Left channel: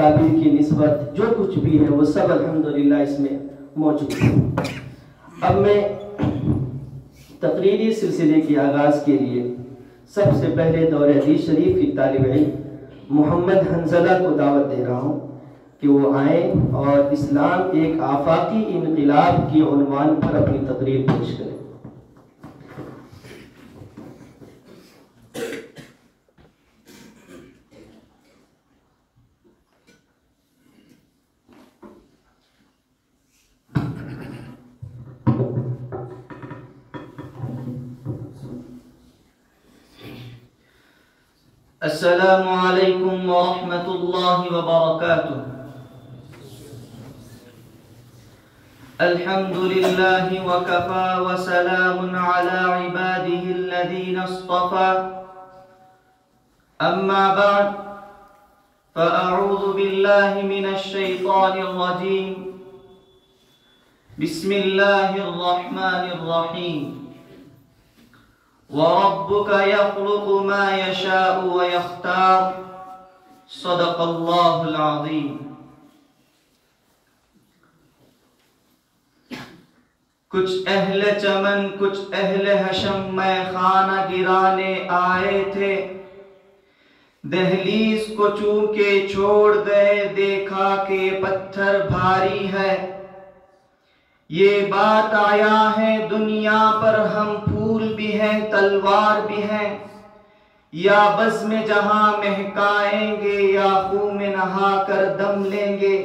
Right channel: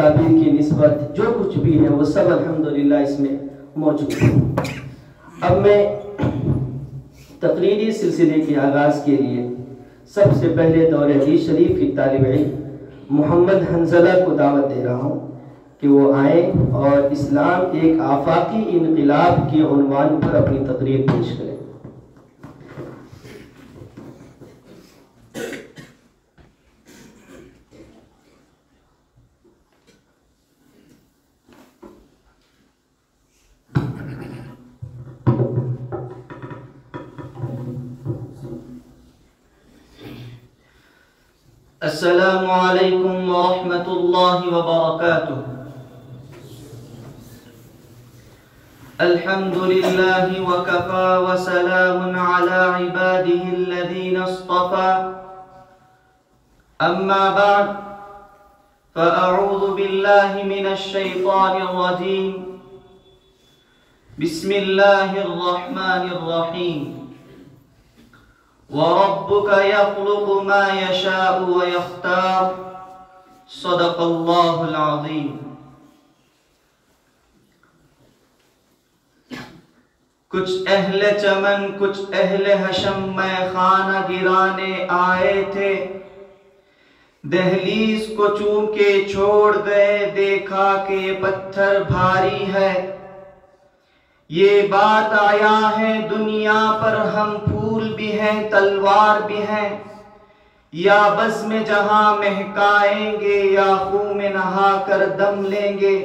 اکابر کی نسبت جو کچھ بھی ہے وہ سب الحمدللہ اس میں موجود ہے۔ اب میں تقریری سلسلے کے آغاز کے لیے سب سے پہلے دور حدیث شریف کی طالب علم محمد حنزلہ کو دعوت دے رہا ہوں کہ وہ آئیں اور اسلام ایک آفاقی انقلاب کی عنوان پر اپنی تقریر پیش کریں۔ السلام علیکم ورحمۃ اللہ وبرکاتہ۔ الحمد للہ وکفى وسلام علی عباده الذین اصطفى، اما بعد فاعوذ باللہ من الشیطان الرجیم، بسم اللہ الرحمن الرحیم، وَرَبُّكَ يَخْلُقُ مَا يَشَاءُ وَيَخْتَارُ، صدق اللہ العظیم۔ کچھ اہل چمن کچھ اہل حشم میں خانہ گرانے آئے تھے، دہلیز کو چونکہ چھوڑ گئے دیکھا کہ پتھر بھاری ہے، یہ بات آیا ہے دنیا پر ہم پھول بھی ہیں تلوار بھی ہیں، یا بزم جہاں مہکائیں گے یا خون میں نہا کر دم لیں گے،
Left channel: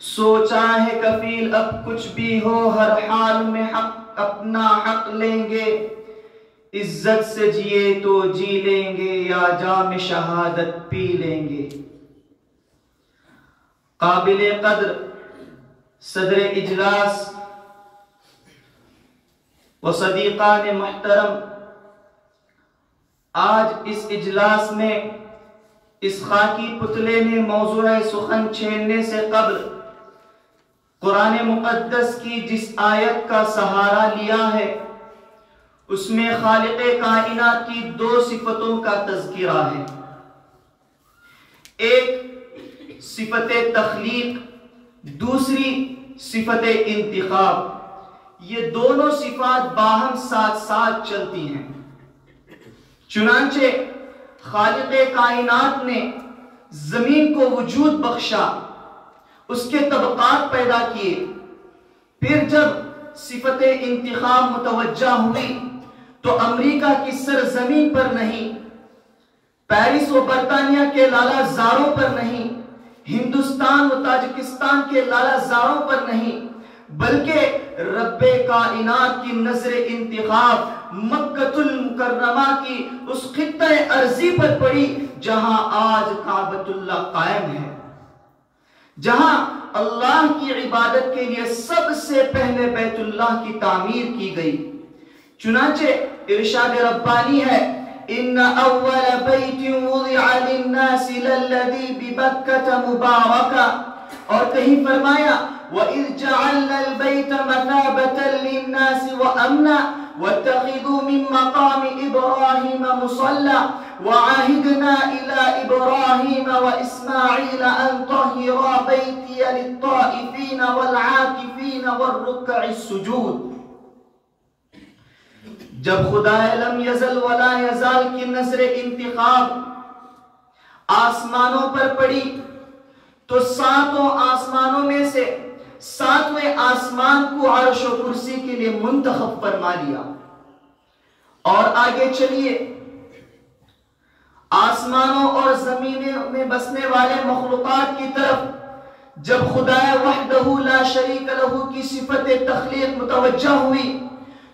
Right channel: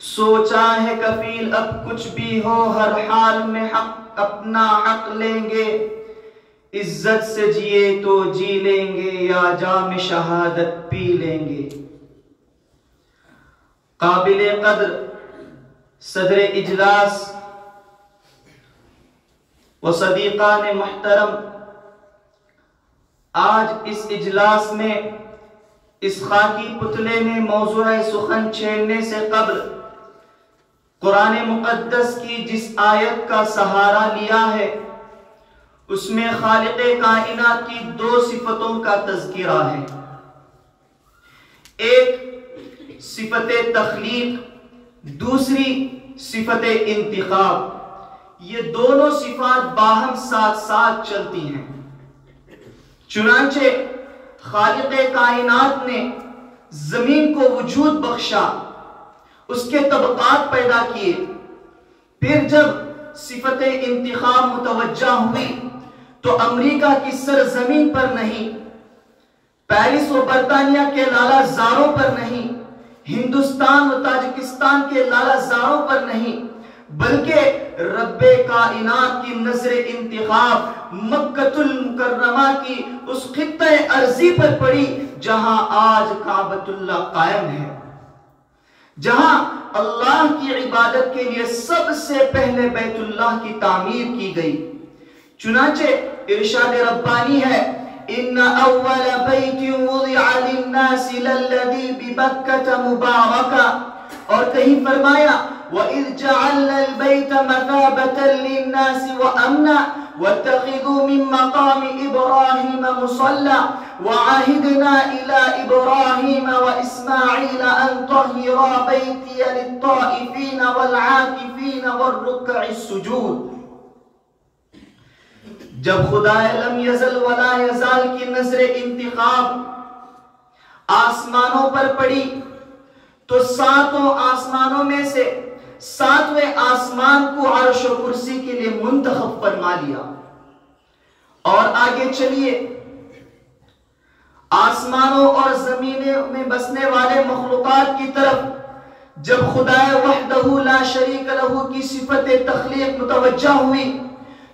سوچا ہے کفیل اب کچھ بھی ہو ہر حال میں حق اپنا حق لیں گے، عزت سے جیے تو جی لیں گے یا جام شہادت پی لیں گے۔ قابل قدر صدر اجلاس و صدیقان محترم، آج اس اجلاس میں اس خاکی پتلے میں موضوع سخن چھیڑنے سے قبل قرآن مقدس کی جس آیت کا سہارا لیا ہے اس میں خالق کائنات کی دو صفتوں کا تذکرہ ہے، ایک صفت تخلیق، دوسری صفت انتخاب۔ یہ دونوں صفات باہم ساتھ ساتھ چلتی ہیں۔ چنانچہ خالق کائنات نے زمین کو وجود بخشا، اس کے طبقات پیدا کیے، پھر جب صفت انتخاب متوجہ ہوئی تو امریکہ کی سرزمین پر نہیں، پیرس و برطانیہ کے لالہ زاروں پر نہیں، ہندوستان و تاجکستان کے لالہ زاروں پر نہیں، بلکہ رب کائنات کی نظر انتخاب مکہ المکرمہ کی اس خطہ ارضی پر پڑی جہاں آج کعبۃ اللہ قائم ہے، جہاں اللہ کی عبادت کے لیے سب سے پہلے بیت اللہ کی تعمیر کی گئی۔ چنانچہ ارشاد ربانی ہے، ان اول بیت وضع للناس للذی ببکۃ مبارکہ، اور کہیں فرمایا وَإِذْ جَعَلْنَا الْبَيْتَ مَثَابَةً لِلنَّاسِ وَأَمْنًا وَاتَّخِذُوا مِن مَّقَامِ إِبْرَاهِيمَ مُصَلًّى وَعَهِدْنَا إِلَىٰ إِبْرَاهِيمَ وَإِسْمَاعِيلَ أَن طَهِّرَا بَيْتِيَ لِلطَّائِفِينَ وَالْعَاكِفِينَ وَالرُّكَّعِ السُّجُودِ۔ جب خدا لم یزل ولا یزال کی نظر انتخاب آسمانوں پر پڑی تو ساتوں آسمانوں میں سے ساتویں آسمان کو عرش و کرسی کے لیے منتخب فرما لیا۔ اور آگے چلیے، آسمانوں اور زمینوں میں بسنے والے مخلوقات کی طرف جب خدا وحدہ لا شریک لہ کی صفت تخلیق متوجہ ہوئی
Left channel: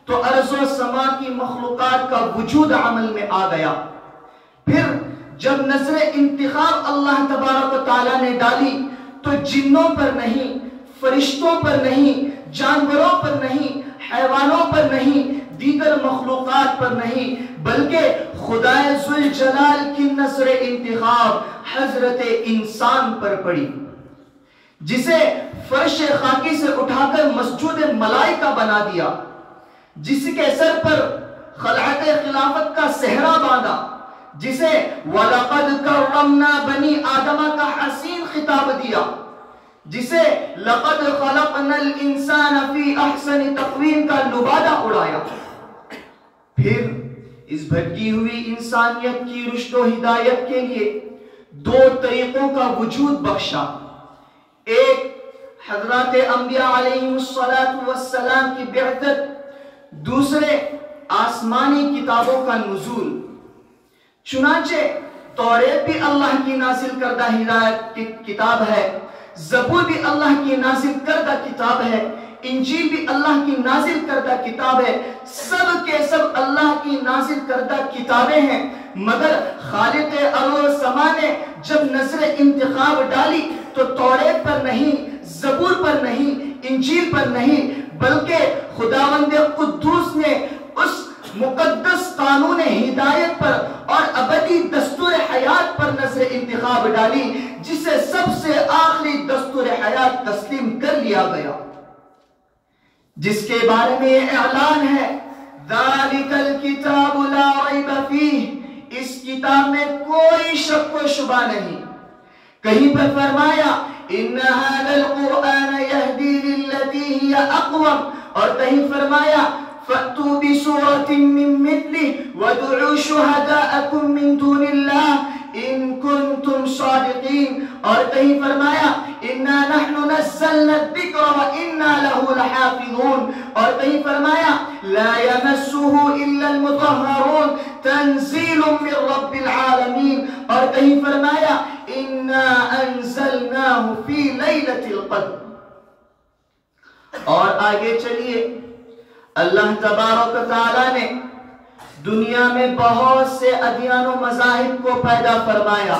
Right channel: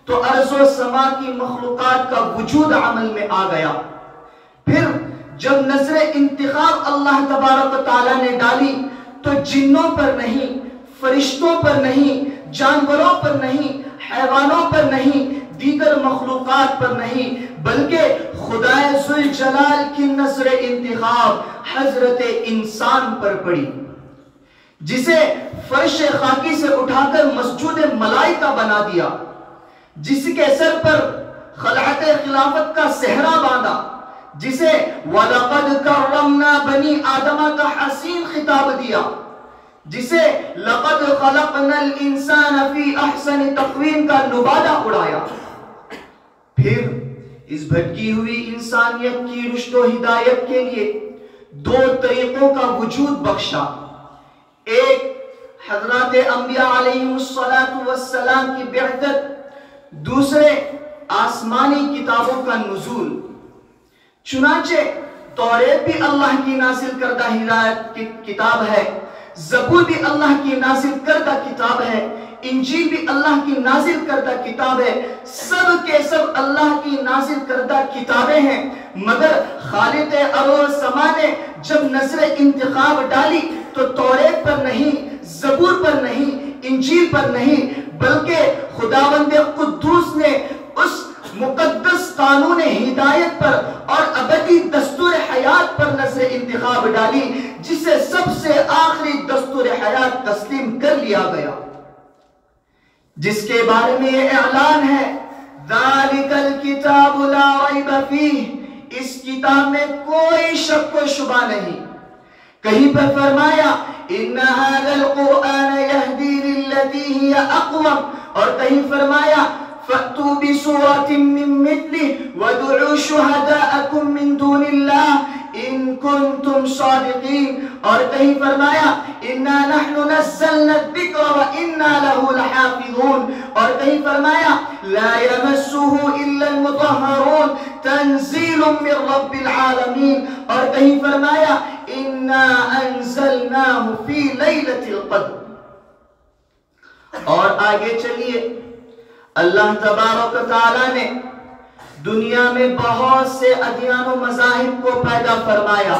تو ارض و سما کی مخلوقات کا وجود عمل میں آ گیا۔ پھر جب نظر انتخاب اللہ تبارک و تعالیٰ نے ڈالی تو جنوں پر نہیں، فرشتوں پر نہیں، جانوروں پر نہیں، حیوانوں پر نہیں، دیگر مخلوقات پر نہیں، بلکہ خدا ذوالجلال کی نظر انتخاب حضرت انسان پر پڑی، جسے فرش خاکی سے اٹھا کر مسجود ملائکہ بنا دیا، جس کے سر پر خلعت خلافت کا صحرا باندھا، جسے وَلَقَدْ كَرَّمْنَا بَنِي آدَمَ دیا، جسے لقد خلقنا الانسان فی احسن تقویم کا لبادہ اڑایا، پھر اس بھٹکی ہوئی انسانیت کی رشد و ہدایت کے لیے دو طریقوں کا وجود بخشا، ایک حضرات انبیاء علیہم السلام کی بعثت، دوسرے آسمانی کتابوں کا نزول۔ چنانچہ توریت بھی اللہ کی نازل کردہ ہدایت کی کتاب ہے، زبور بھی اللہ کی نازل کردہ کتاب ہے، انجیل بھی اللہ کی نازل کردہ کتاب ہے، سب کے سب اللہ کی نازل کردہ کتابیں ہیں، مگر خالق ارض و سما نے جب نظر انتخاب ڈالی تو توریت پر نہیں، زبور پر نہیں، انجیل پر نہیں، بلکہ خداوند قدوس نے اس مقدس قانون ہدایت پر اور ابدی دستور حیات پر نظر انتخاب ڈالی، جسے سب سے آخری دستور حیات تسلیم کر لیا گیا، جس کے بارے میں یہ اعلان ہے ذَلِكَ الْكِتَابُ لَا رَيْبَ فِيهِ، اس کتاب میں کوئی شک و شبہ نہیں۔ کہیں پر فرمایا إِنَّ هَذَا الْقُرْآنَ يَهْدِي لِلَّتِي هِيَ أَقْوَمُ، اور کہیں فرمایا فَأْتُوا بِسُورَةٍ مِّن مِّثْلِهِ وَادْعُوا شُهَدَاءَكُم مِّن دُونِ اللَّهِ إِن كُنتُمْ صَادِقِينَ، اور کہیں فرمایا إِنَّا نَحْنُ نَزَّلْنَا الذِّكْرَ وَإِنَّا لَهُ لَحَافِظُونَ، اور کہیں فرمایا لَا يَمَسُّهُ إِلَّا الْمُطَهَّرُونَ تَنزِيلٌ مِّن رَّبِّ الْعَالَمِينَ، اور کہیں فرمایا إِنَّا أَنزَلْنَاهُ فِي لَيْلَةِ الْقَدْرِ۔ اور آگے چلیے، اللہ تبارک و تعالیٰ نے دنیا میں بہت سے ادیان و مذاہب کو پیدا فرمایا،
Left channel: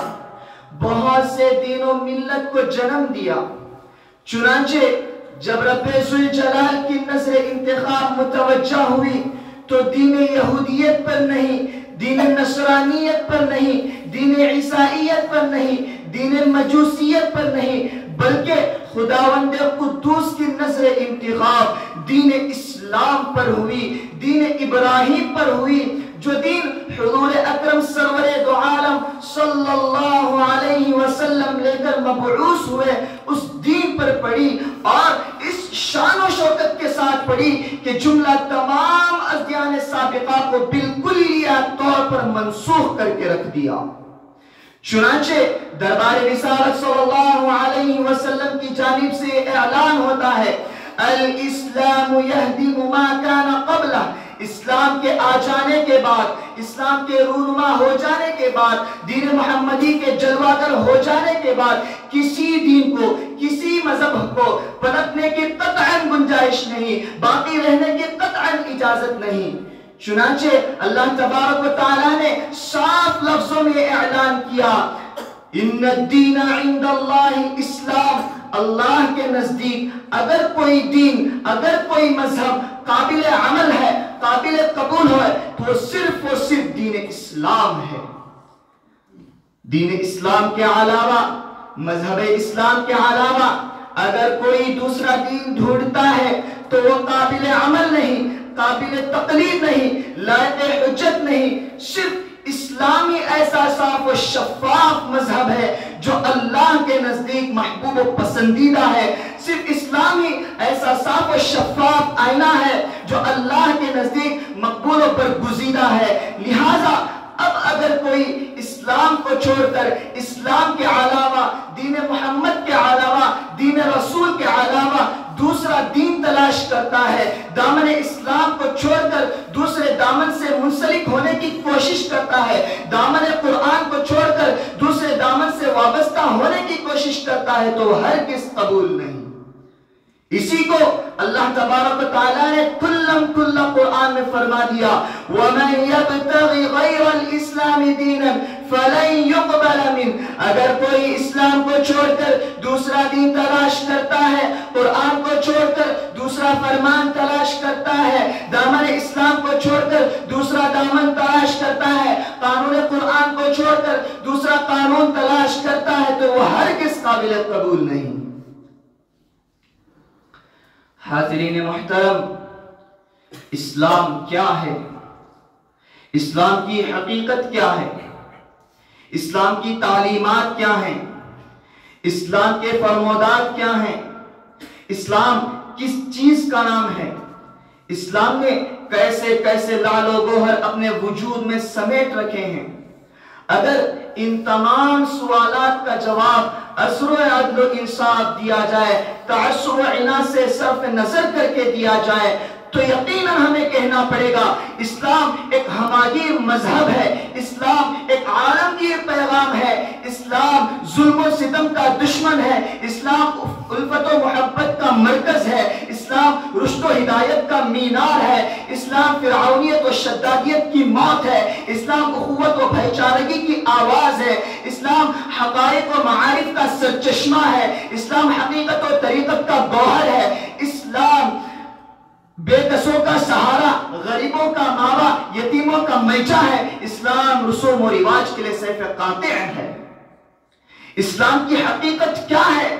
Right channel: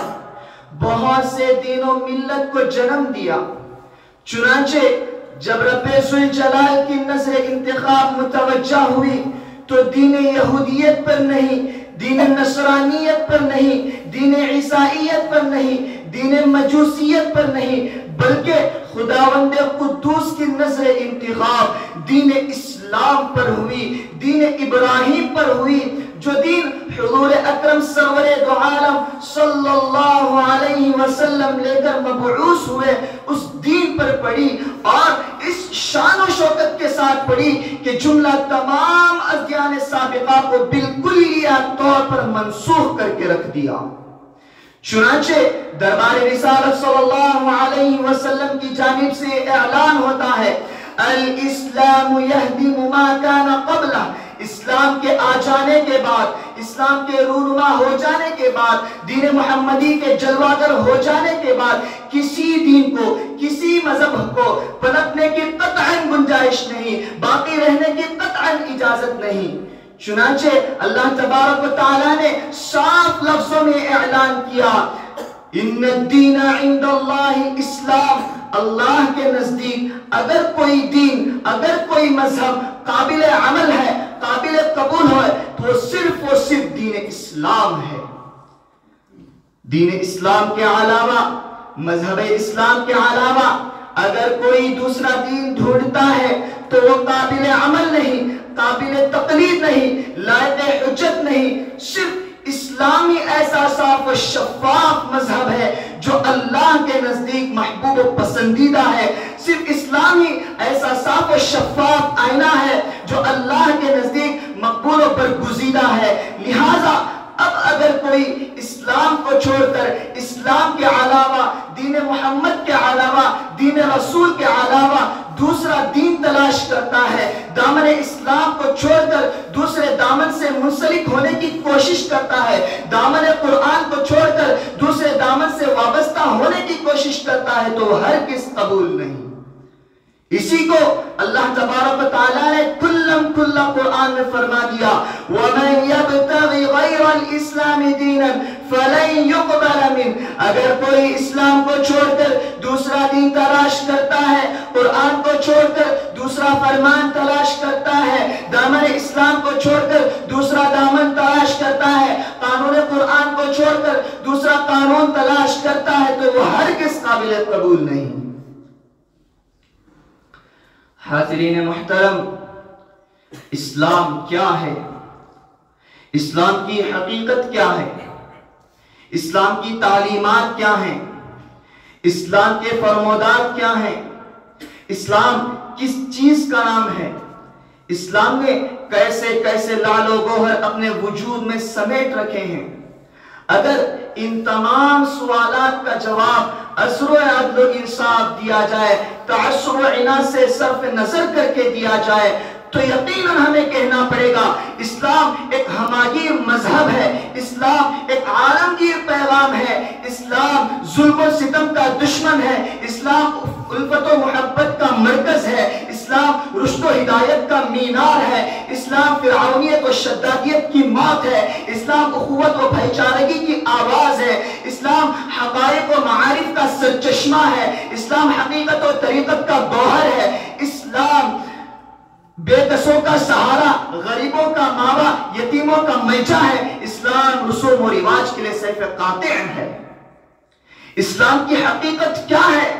بہت سے دین و ملت کو جنم دیا، چنانچہ جب رب ذوالجلال کی نظر انتخاب متوجہ ہوئی تو دین یہودیت پر نہیں، دین نصرانیت پر نہیں، دین عیسائیت پر نہیں، دین مجوسیت پر نہیں، بلکہ خداوند قدوس کی نظر انتخاب دین اسلام پر ہوئی، دین ابراہیم پر ہوئی، جو دین حضور اکرم سرور دو عالم صلی اللہ علیہ وسلم لے کر مبعوث ہوئے، اس دین پر پڑھی، اور اس شان و شوکت کے ساتھ پڑھی کہ جملہ تمام ادیان سابقہ کو بالکلیہ طور پر منسوخ کر کے رکھ دیا۔ چنانچہ دربار رسالت صلی اللہ علیہ وسلم کی جانب سے اعلان ہوتا ہے الاسلام یہدم ما کان قبلہ، اسلام کے آ جانے کے بعد، اسلام کے رونما ہو جانے کے بعد، دین محمدی کے جلوہ گر ہو جانے کے بعد کسی دین کو، کسی مذہب کو پلٹنے کی قطعاً گنجائش نہیں، باقی رہنے کی قطعاً اجازت نہیں۔ چنانچہ اللہ تبارک و تعالیٰ نے صاف لفظوں میں اعلان کیا ان الدین عند اللہ اسلام، اللہ کے نزدیک اگر کوئی دین، اگر کوئی مذہب قابل عمل ہے، قابل قبول ہے تو صرف و صرف دین اسلام ہے۔ دین اسلام کے علاوہ، مذہب اسلام کے علاوہ اگر کوئی دوسرا دین ڈھونڈتا ہے تو وہ قابل عمل نہیں، قابل تقلید نہیں، لائق حجت نہیں۔ صرف اسلامی ایسا صاف و شفاف مذہب ہے جو اللہ کے نزدیک محبوب و پسندیدہ ہے، صرف اسلامی ایسا صاف و شفاف آئینہ ہے جو اللہ کے نزدیک مقبول و برگزیدہ ہے۔ لہٰذا اب اگر کوئی اسلام کو چھوڑ کر اسلام کے علاوہ، دین محمد کے علاوہ، دین رسول کے علاوہ دوسرا دین تلاش کرتا ہے، دامن اسلام کو چھوڑ کر دوسرے دامن سے منسلک ہونے کی کوشش کرتا ہے، دامن قرآن کو چھوڑ کر دوسرے دامن سے وابستہ ہونے کی کوشش کرتا ہے تو وہ ہرگز قبول نہیں۔ اسی کو اللہ تبارک و تعالیٰ نے کھلم کھلا قرآن میں فرما دیا وَمَن يَبْتَغِ غَيْرَ الْإِسْلَامِ دِينًا فَلَن يُقْبَلَ مِنْهُ، اگر کوئی اسلام کو چھوڑ کر دوسرا دین تلاش کرتا ہے، قرآن کو چھوڑ کر دوسرا فرمان تلاش کرتا ہے، دامن اسلام کو چھوڑ کر دوسرا دامن تلاش کرتا ہے، قانون قرآن کو چھوڑ کر دوسرا قانون تلاش کرتا ہے تو وہ ہرگز قابل قبول نہیں۔ حاضرین محترم، اسلام کیا ہے؟ اسلام کی حقیقت کیا ہے؟ اسلام کی تعلیمات کیا ہیں؟ اسلام کے فرمودات کیا ہیں؟ اسلام کس چیز کا نام ہے؟ اسلام نے کیسے کیسے لعل و گوہر اپنے وجود میں سمیٹ رکھے ہیں؟ اگر ان تمام سوالات کا جواب عزر و عدل و انصاف دیا جائے، تعصب و عناد سے صرف نظر کر کے دیا جائے، تو یقیناً ہمیں کہنا پڑے گا اسلام ایک ہماگیر مذہب ہے، اسلام ایک عالمگیر پیغام ہے، اسلام ظلم و ستم کا دشمن ہے، اسلام الفت و محبت کا مرکز ہے، اسلام رشد و ہدایت کا مینار ہے، اسلام فرعونیت و شدادیت کی موت ہے، اسلام اخوت و بھائی چارگی کی آواز ہے، اسلام حقائق و معارف کا سرچشمہ ہے، اسلام حقیقت و طریقت کا گوہر ہے، اسلام بے کسوں کا سہارا، غریبوں کا ماوا، یتیموں کا ملجا ہے، اسلام رسوم و رواج کے لیے سیف قاطع ہے۔ اسلام کی حقیقت کیا ہے؟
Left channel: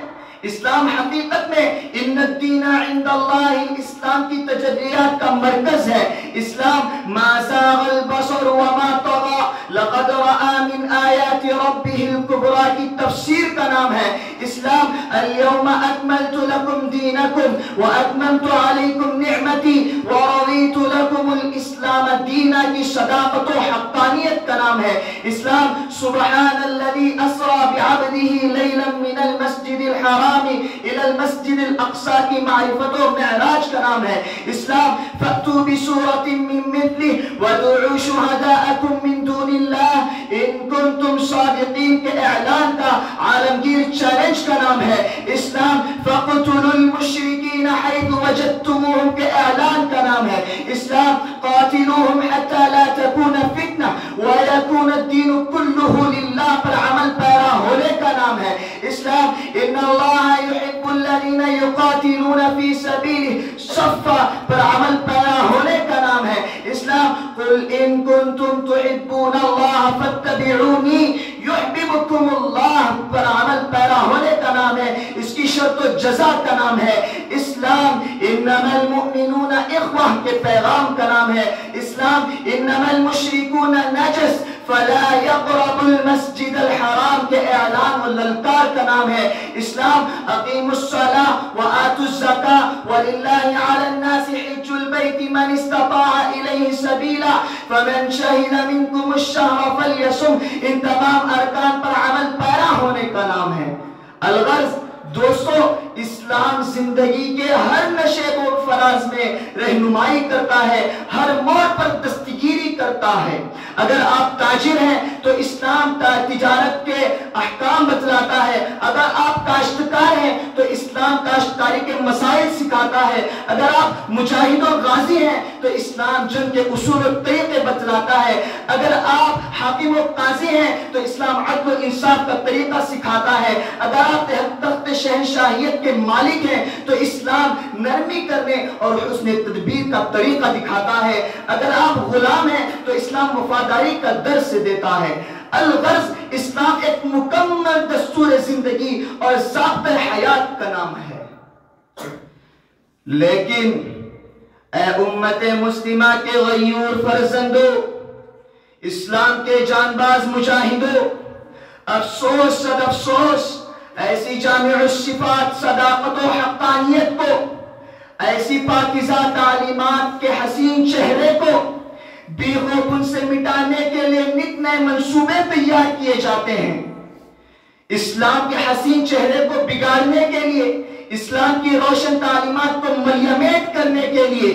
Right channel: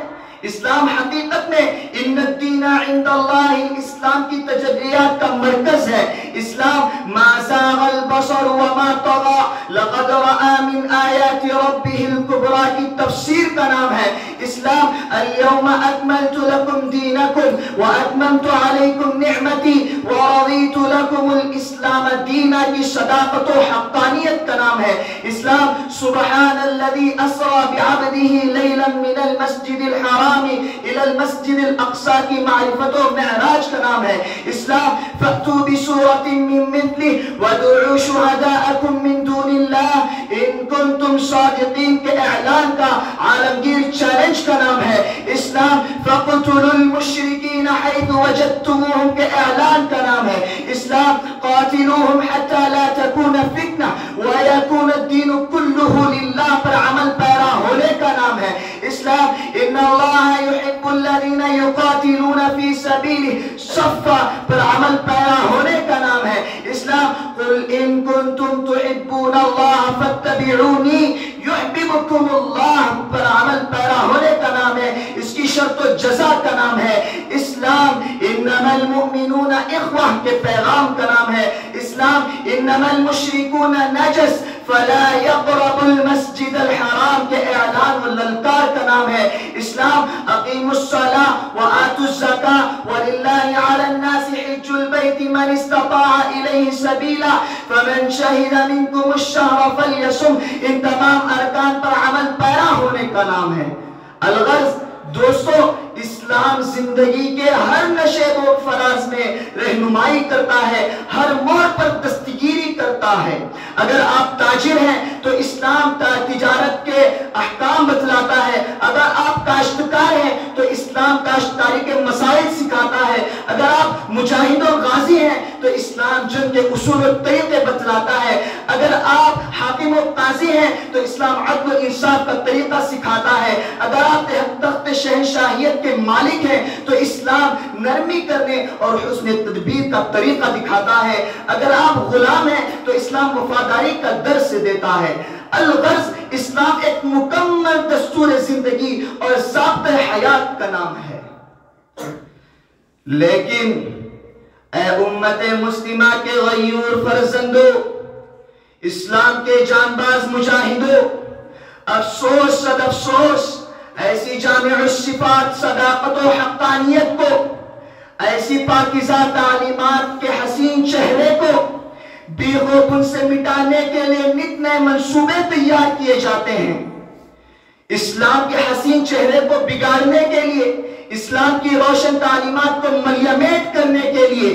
اسلام حقیقت میں ان الدین عند اللہ، اسلام کی تجلیات کا مرکز ہے، اسلام ما زاغ البصر وما طغى لقد رأى من آیات ربه الكبرى کی تفسیر کا نام ہے، اسلام اليوم اکملت لکم دینکم واتممت علیکم نعمتی ورضیت لکم الاسلام دینا کی صداقت و حقانیت کا نام ہے، اسلام سبحان الذی اسرا بعبده لیلا من المسجد الحرام الى المسجد الاقصى کی معرفت و معراج کا نام ہے، اسلام فأتوا بسورة من مثله وادعوا شهداءكم من دون اللہ ان کنتم صادقین کے اعلان کا عالمگیر چیلنج کا نام ہے، اسلام فقتلوا المشرکین حيث وجدتموهم کے اعلان کا نام ہے، اسلام قاتلوهم حتى لا تكون فتنة ويكون الدين كله لله پر عمل پیرا ہونے کا نام ہے، اسلام ان اللہ يحب الذين يقاتلون في سبيله صفا پر عمل پیرا ہونے کا نام ہے، اسلام قل ان كنتم تحبون الله فاتبعوني يحببكم الله پر عمل پیرا ہونے کا نام ہے، اس کی شرط و جزا کا نام ہے، اسلام انما المؤمنون اخوہ کے پیغام کا نام ہے، اسلام انما المشركون نجس فلا يقرب المسجد الحرام کے اعلان و للکار کا نام ہے، اسلام اقیموا الصلاة وآتوا الزکاة وللہ علی الناس حج البیت من استطاع الیہ سبیلا فمن شہد منکم الشہر فلیصم، ان تمام ارکان پر عمل پیرا ہونے کا نام ہے۔ الغرض دوستو، اسلام زندگی کے ہر نشے و فراز میں رہنمائی کرتا ہے، ہر موڑ پر دستگیری کرتا ہے۔ اگر آپ تاجر ہیں تو اسلام تجارت کے احکام بتلاتا ہے، اگر آپ کاشتکار ہیں تو اسلام کاشتکاری کے مسائل سکھاتا ہے، اگر آپ مجاہد و غازی ہیں تو اسلام جنگ کے اصول و طریقے بتلاتا ہے، اگر آپ حاکم و قاضی ہیں تو اسلام عدل و انصاف کا طریقہ سکھاتا ہے، اگر آپ تخت شہنشاہیت کے مالک ہیں تو اسلام نرمی کرنے اور حسن تدبیر کا طریقہ دکھاتا ہے، اگر آپ غلام ہیں تو اسلام وفاداری کا درس دیتا ہے۔ الغرض اسلام ایک مکمل دستور زندگی اور ضابطۂ حیات کا نام ہے۔ لیکن اے امت مسلمہ کے غیور فرزندو، اسلام کے جانباز مجاہدوں، افسوس صد افسوس، ایسی جامع الصفات صداقت و حقانیت کو، ایسی پاکیزہ تعلیمات کے حسین چہرے کو بیغ و بن سے مٹانے کے لیے نت نئے منصوبے تیار کیے جاتے ہیں۔ اسلام کے حسین چہرے کو بگاڑنے کے لیے، اسلام کی روشن تعلیمات کو ملیمیٹ کرنے کے لیے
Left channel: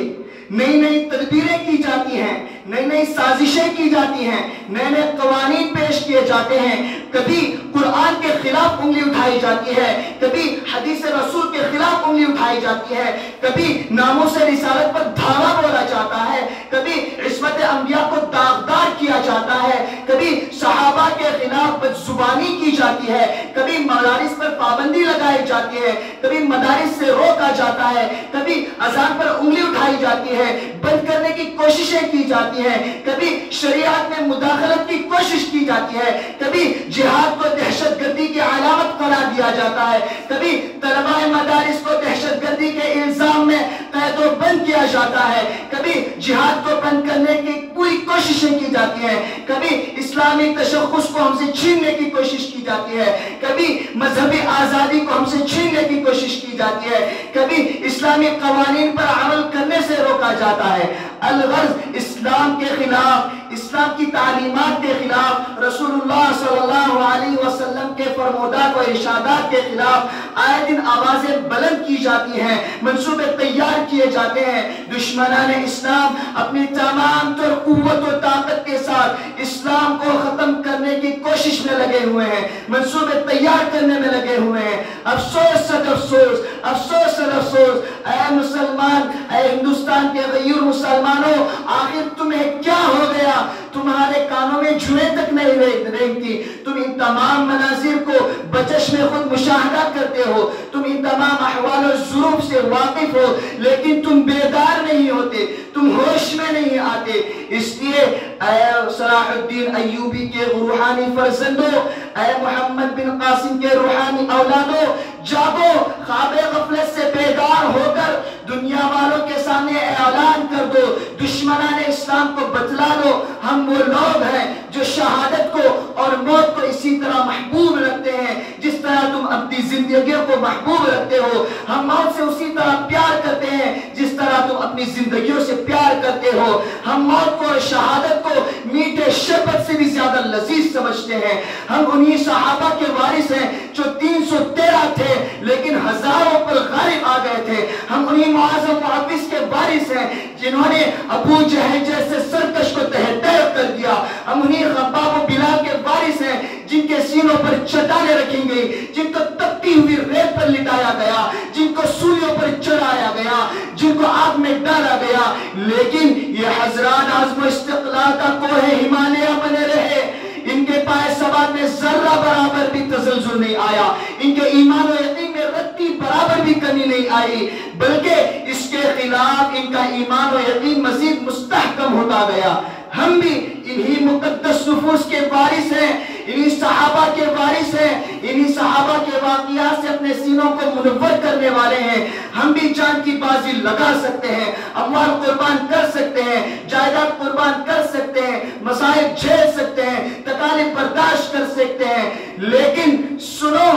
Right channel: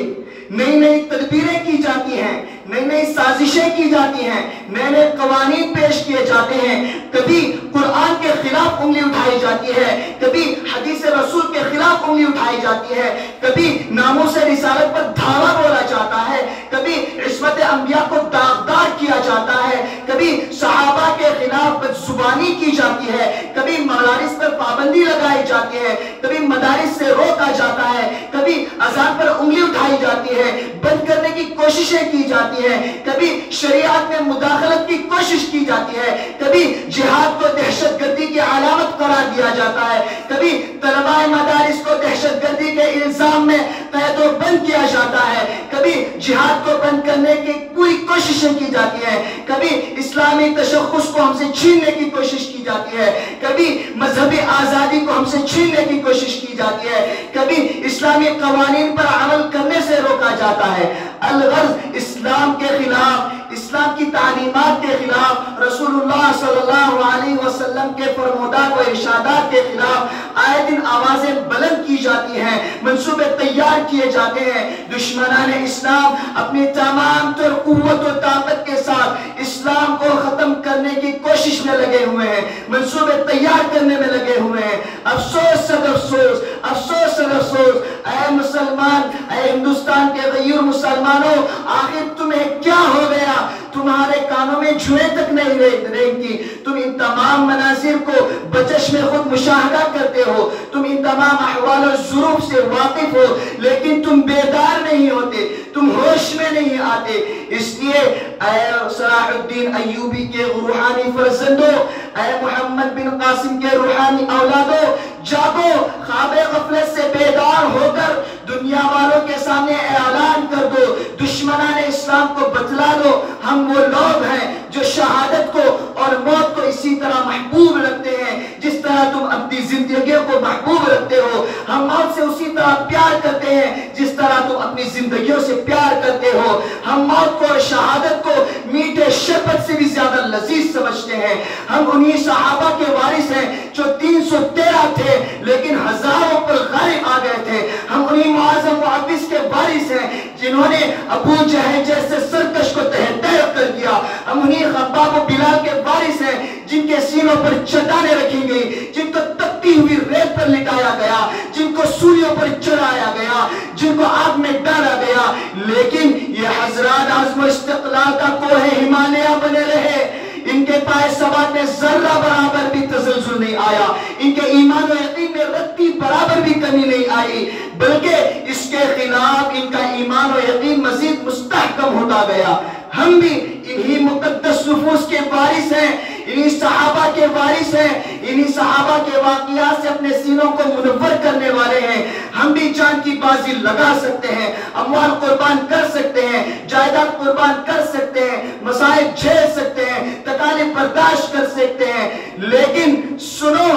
نئی نئی تدبیریں کی جاتی ہیں، نئی نئی سازشیں کی جاتی ہیں، نئے نئے قوانین پیش کیے جاتے ہیں، کبھی قرآن کے خلاف انگلی اٹھائی جاتی ہے، کبھی حدیث رسول کے خلاف انگلی اٹھائی جاتی ہے، کبھی ناموس رسالت پر دھاوا بولا جاتا ہے، کبھی عصمت انبیاء کو داغدار کیا جاتا ہے، کبھی صحابہ کے خلاف بدزبانی کی جاتی ہے، کبھی مدارس پر پابندی لگائی جاتی ہے، کبھی مدارس سے روکا جاتا ہے، کبھی اذان پر انگلی اٹھائی جاتی ہے، بند کرنے کی کوششیں کی جاتی ہیں، کبھی شریعت میں مداخلت کی کوشش کی جاتی ہے، کبھی جہاد کو دہشت گردی کی علامت خلاف قرار دیا جاتا ہے، کبھی طلباء مدارس کو دہشت گردی کے الزام میں قید و بند کیا جاتا ہے، کبھی جہاد کو بند کرنے کی پوری کوششیں کی جاتی ہیں، کبھی اسلامی تشخص کو ہم سے چھیننے کی کوشش کی جاتی ہے، کبھی مذہبی آزادی کو ہم سے چھیننے کی کوشش کی جاتی ہے، کبھی اسلامی قوانین پر عمل کرنے سے روکا جاتا ہے۔ الغرض اسلام کے خلاف، اسلام کی تعلیمات کے خلاف، رسول اللہ صلی اللہ علیہ وسلم کے فرمودات و ارشادات کے خلاف آئے دن آوازیں بلند کی جاتی ہیں، منصوبے تیار کیے جاتے ہیں۔ دشمنان اسلام اپنی تمام تر قوت و طاقت کے ساتھ اسلام کو ختم کرنے کی کوشش میں لگے ہوئے ہیں، منصوبے تیار کرنے میں لگے ہوئے ہیں۔ افسوس صد افسوس، افسوس صد افسوس، اے مسلمان، اے ہندوستان کے غیور مسلمانوں، آخر تمہیں کیا ہو گیا؟ تمہارے کانوں میں جوئیں تک نہیں رینگتی، تم ان تمام مناظر کو بچشم خود مشاہدہ کرتے ہو، تم ان تمام احوال و ظروف سے واقف ہو، لیکن تم بیدار نہیں ہوتے، تم ہوش میں نہیں آتے۔ اس لیے اے صلاح الدین ایوبی کے روحانی فرزندوں، اے محمد بن قاسم کے روحانی اولادوں، جاگو، خواب غفلت سے بیدار ہو کر دنیا والوں کے سامنے اعلان کر دو، دشمنان اسلام کو بتلا دو، ہم وہ لوگ ہیں جو شہادت کو اور موت کو اسی طرح محبوب رکھتے ہیں جس طرح تم اپنی زندگیوں کو محبوب رکھتے ہو، ہم موت سے اسی طرح پیار کرتے ہیں جس طرح تم اپنی زندگیوں سے پیار کرتے ہو، ہم موت کو اور شہادت کو میٹھے شربت سے بھی زیادہ لذیذ سمجھتے ہیں۔ ہم انہی صحابہ کے وارث ہیں جو 313 تھے لیکن ہزاروں پر غالب آ گئے تھے، ہم انہی معاذ و معوذ کے وارث ہیں جنہوں نے ابو جہل جیسے سرکش کو تہہ تہہ کر دیا، ہم انہی خباب و بلال کے وارث ہیں جن کے سینوں پر چٹانیں رکھی گئی، جن کو تپتی ہوئی ریت پر لٹایا گیا، جن کو سولیوں پر چڑھایا گیا، جن کو آگ میں ڈالا گیا، لیکن یہ حضرات عزم و استقلال کا کوہ ہمالیہ بنے رہے۔ ان کے پائے ثبات میں ذرہ برابر بھی تزلزل نہیں آیا، ان کے ایمان و یقین میں رتی برابر بھی کمی نہیں آئی، بلکہ اس کے خلاف ان کا ایمان و یقین مزید مستحکم ہوتا گیا۔ ہم بھی انہی مقدس نفوس کے وارث ہیں، انہی صحابہ کے وارث ہیں، انہی صحابہ کے واقعات سے اپنے سینوں کو منور کرنے والے ہیں۔ ہم بھی جان کی بازی لگا سکتے ہیں، اموال قربان کر سکتے ہیں، جائیداد قربان کر سکتے ہیں، مسائل جھیل سکتے ہیں، تکالیف برداشت کر سکتے ہیں، لیکن سنو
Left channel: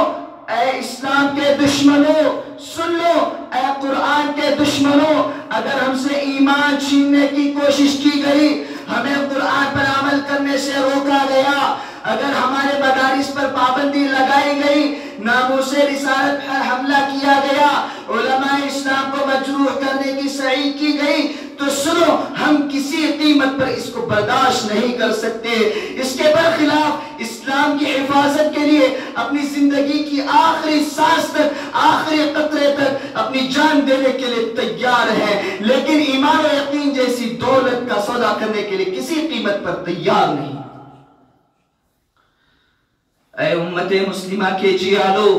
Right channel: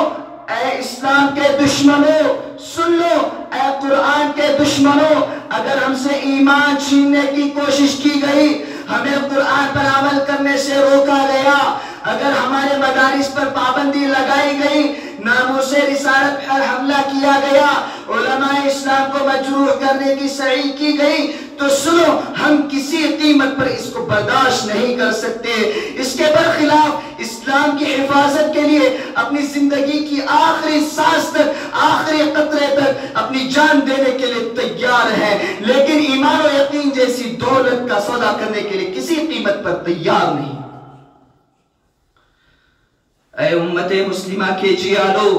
اے اسلام کے دشمنوں، سن لو اے قرآن کے دشمنوں، اگر ہم سے ایمان چھیننے کی کوشش کی گئی، ہمیں قرآن پر عمل کرنے سے روکا گیا، اگر ہمارے مدارس پر پابندی لگائی گئی، ناموس رسالت پر حملہ کیا گیا، علماء اسلام کو مجروح کرنے کی سعی کی گئی، تو سنو ہم کسی قیمت پر اس کو برداشت نہیں کر سکتے۔ اس کے برخلاف اسلام کی حفاظت کے لیے اپنی زندگی کی آخری سانس تک، آخری قطرے تک اپنی جان دینے کے لیے تیار ہے، لیکن ایمان و یقین جیسی دولت کا سودا کرنے کے لیے کسی قیمت پر تیار نہیں۔ اے امت مسلمہ کے جیالو،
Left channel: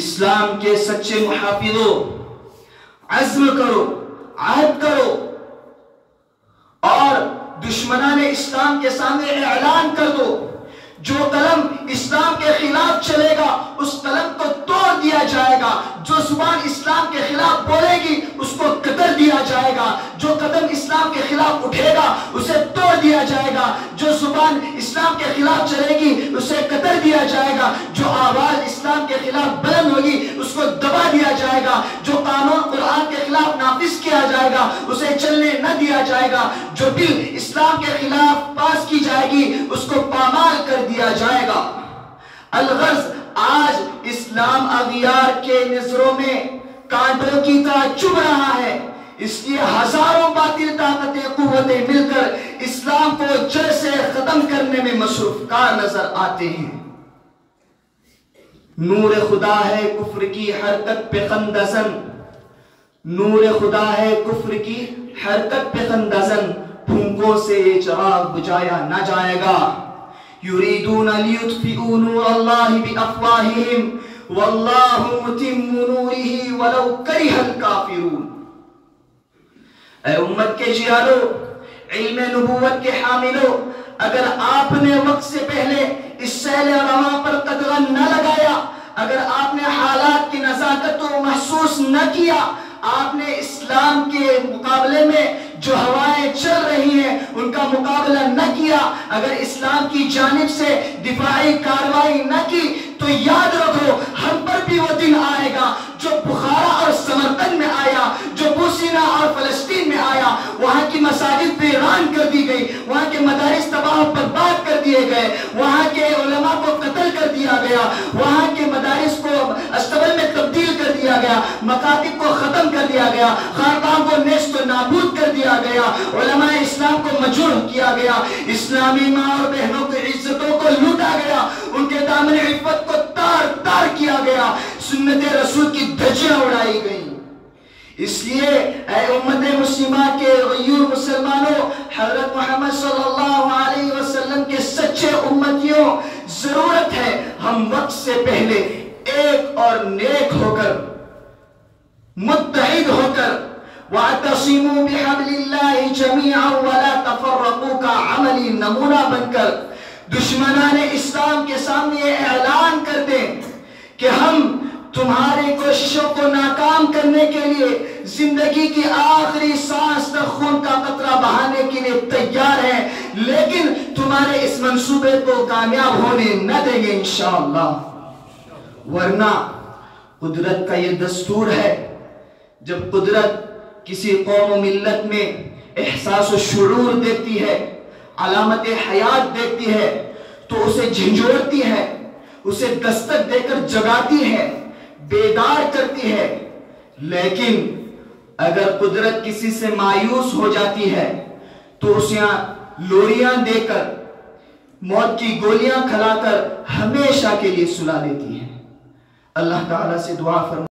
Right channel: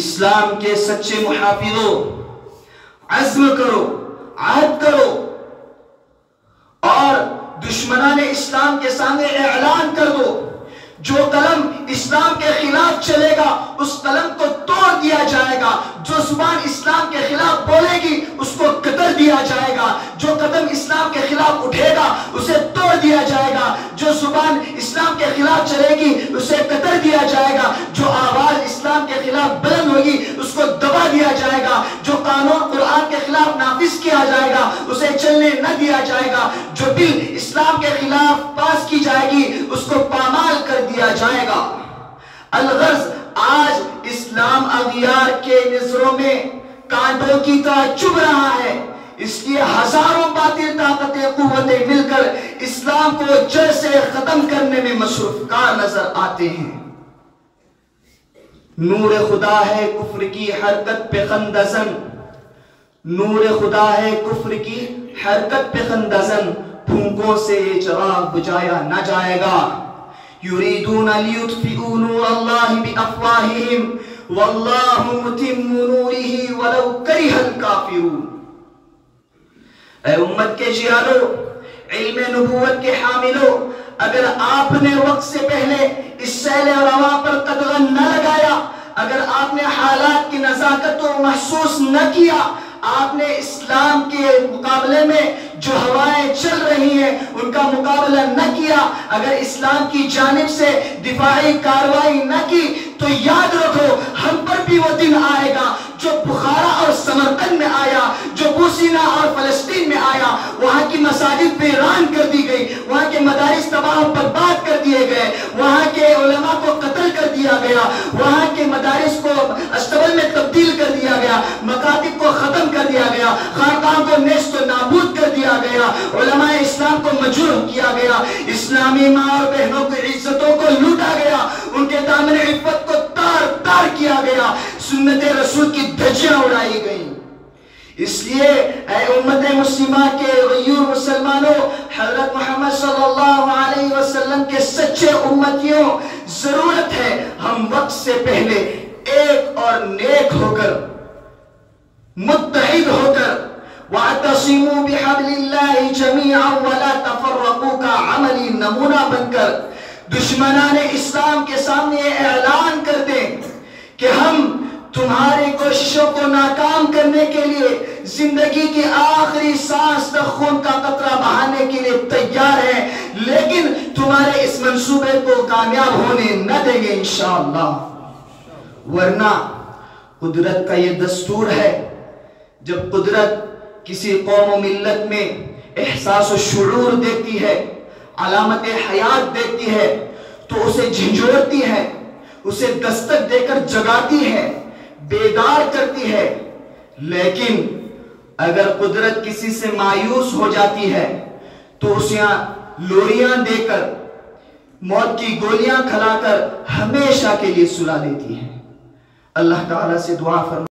اسلام کے سچے محافظوں، عزم کرو، عہد کرو اور دشمنان اسلام کے سامنے اعلان کر دو، جو قلم اسلام کے خلاف چلے گا اس قلم کو توڑ دیا جائے گا، جو زبان اسلام کے خلاف بولے گی اس کو قتل دیا جائے گا، جو قدم اسلام کے خلاف اٹھے گا اسے توڑ دیا جائے گا، جو زبان اسلام کے خلاف چلے گی اسے قتل دیا جائے گا، جو آواز اسلام کے خلاف بلند ہوگی اس کو دبا دیا جائے گا، جو قانون قرآن کے خلاف نافذ کیا جائے گا اسے چلنے نہ دیا جائے گا، جو بل اسلام کے خلاف پاس کی جائے گی اس کو پامال کر دیا جائے گا۔ الغرض آج اسلام اغیار کے نظروں میں کانٹوں کی طرح چبھ رہا ہے، اس لیے ہزاروں باطل طاقتیں قوتیں مل کر اسلام کو جڑ سے ختم کرنے میں مصروف کار نظر آتے ہیں۔ نور خدا ہے کفر کی حرکت پہ خندزن، نور خدا ہے کفر کی حرکت پہ خندزن، پھونکوں سے یہ چراغ بجھایا نہ جائے گا۔ یریدون لیطفئوا نور اللہ بافواہہم واللہ متم نورہ ولو کرہ الکافرون۔ اے امت کے جیالو، علم نبوت کے حاملو، اگر آپ نے وقت سے پہلے اس سیل رواں پر قدغن نہ لگایا اگر آپ نے حالات کی نزاکت کو محسوس نہ کیا، آپ نے اسلام کے مقابلے میں جو ہوائیں چل رہی ہیں ان کا مقابلہ نہ کیا، اگر اسلام کی جانب سے دفاعی کارروائی نہ کی، تو یاد رکھو ہم پر بھی وہ دن آئے گا جو بخارا اور سمرقند میں آیا، جو بوسینا اور فلسطین میں آیا۔ وہاں کی مساجد ویران کر دی گئی، وہاں کے مدارس تباہ و برباد کر دیے گئے، وہاں کے علماء کو قتل کر دیا گیا، وہاں کے مدارس کو استبل میں تبدیل کر دیا گیا، مکاتب کو ختم کر دیا گیا، خانقاہوں کو نیست و نابود کر دیا گیا، علماء اسلام کو مجروح کیا گیا، اسلامی ماں اور بہنوں کی عزتوں کو لوٹا گیا، ان کے دامن عفت کو تار تار کیا گیا، سنت رسول کی دھجیاں اڑائی گئیں۔ اس لیے اے امت مسلمہ کے غیور مسلمانوں، حضرت محمد صلی اللہ علیہ وسلم کے سچے امتیوں، ضرورت ہے ہم وقت سے پہلے ایک اور نیک ہو کر، متحد ہو کر، وَاعْتَصِمُوا بِحَبْلِ اللَّهِ جَمِيعًا وَلَا تَفَرَّقُوا کا عملی نمونہ بن کر دشمنان اسلام کے سامنے یہ اعلان کر دیں کہ ہم تمہاری کوششوں کو ناکام کرنے کے لیے زندگی کی آخری سانس تک خون کا قطرہ بہانے کے لیے تیار ہیں، لیکن تمہارے اس منصوبے کو کامیاب ہونے نہ دیں گے انشاءاللہ۔ ورنہ قدرت کا یہ دستور ہے، جب قدرت کسی قوم و ملت میں احساس و شعور دیتی ہے، علامت حیات دیتی ہے، تو اسے جھنجھوڑتی ہے، اسے دستک دے کر جگاتی ہے، بیدار کرتی ہے۔ لیکن اگر قدرت کسی سے مایوس ہو جاتی ہے تو اسے لوریاں دے کر، موت کی گولیاں کھلا کر ہمیشہ کے لیے سلا دیتی ہے۔ اللہ تعالیٰ سے دعا فرمائیں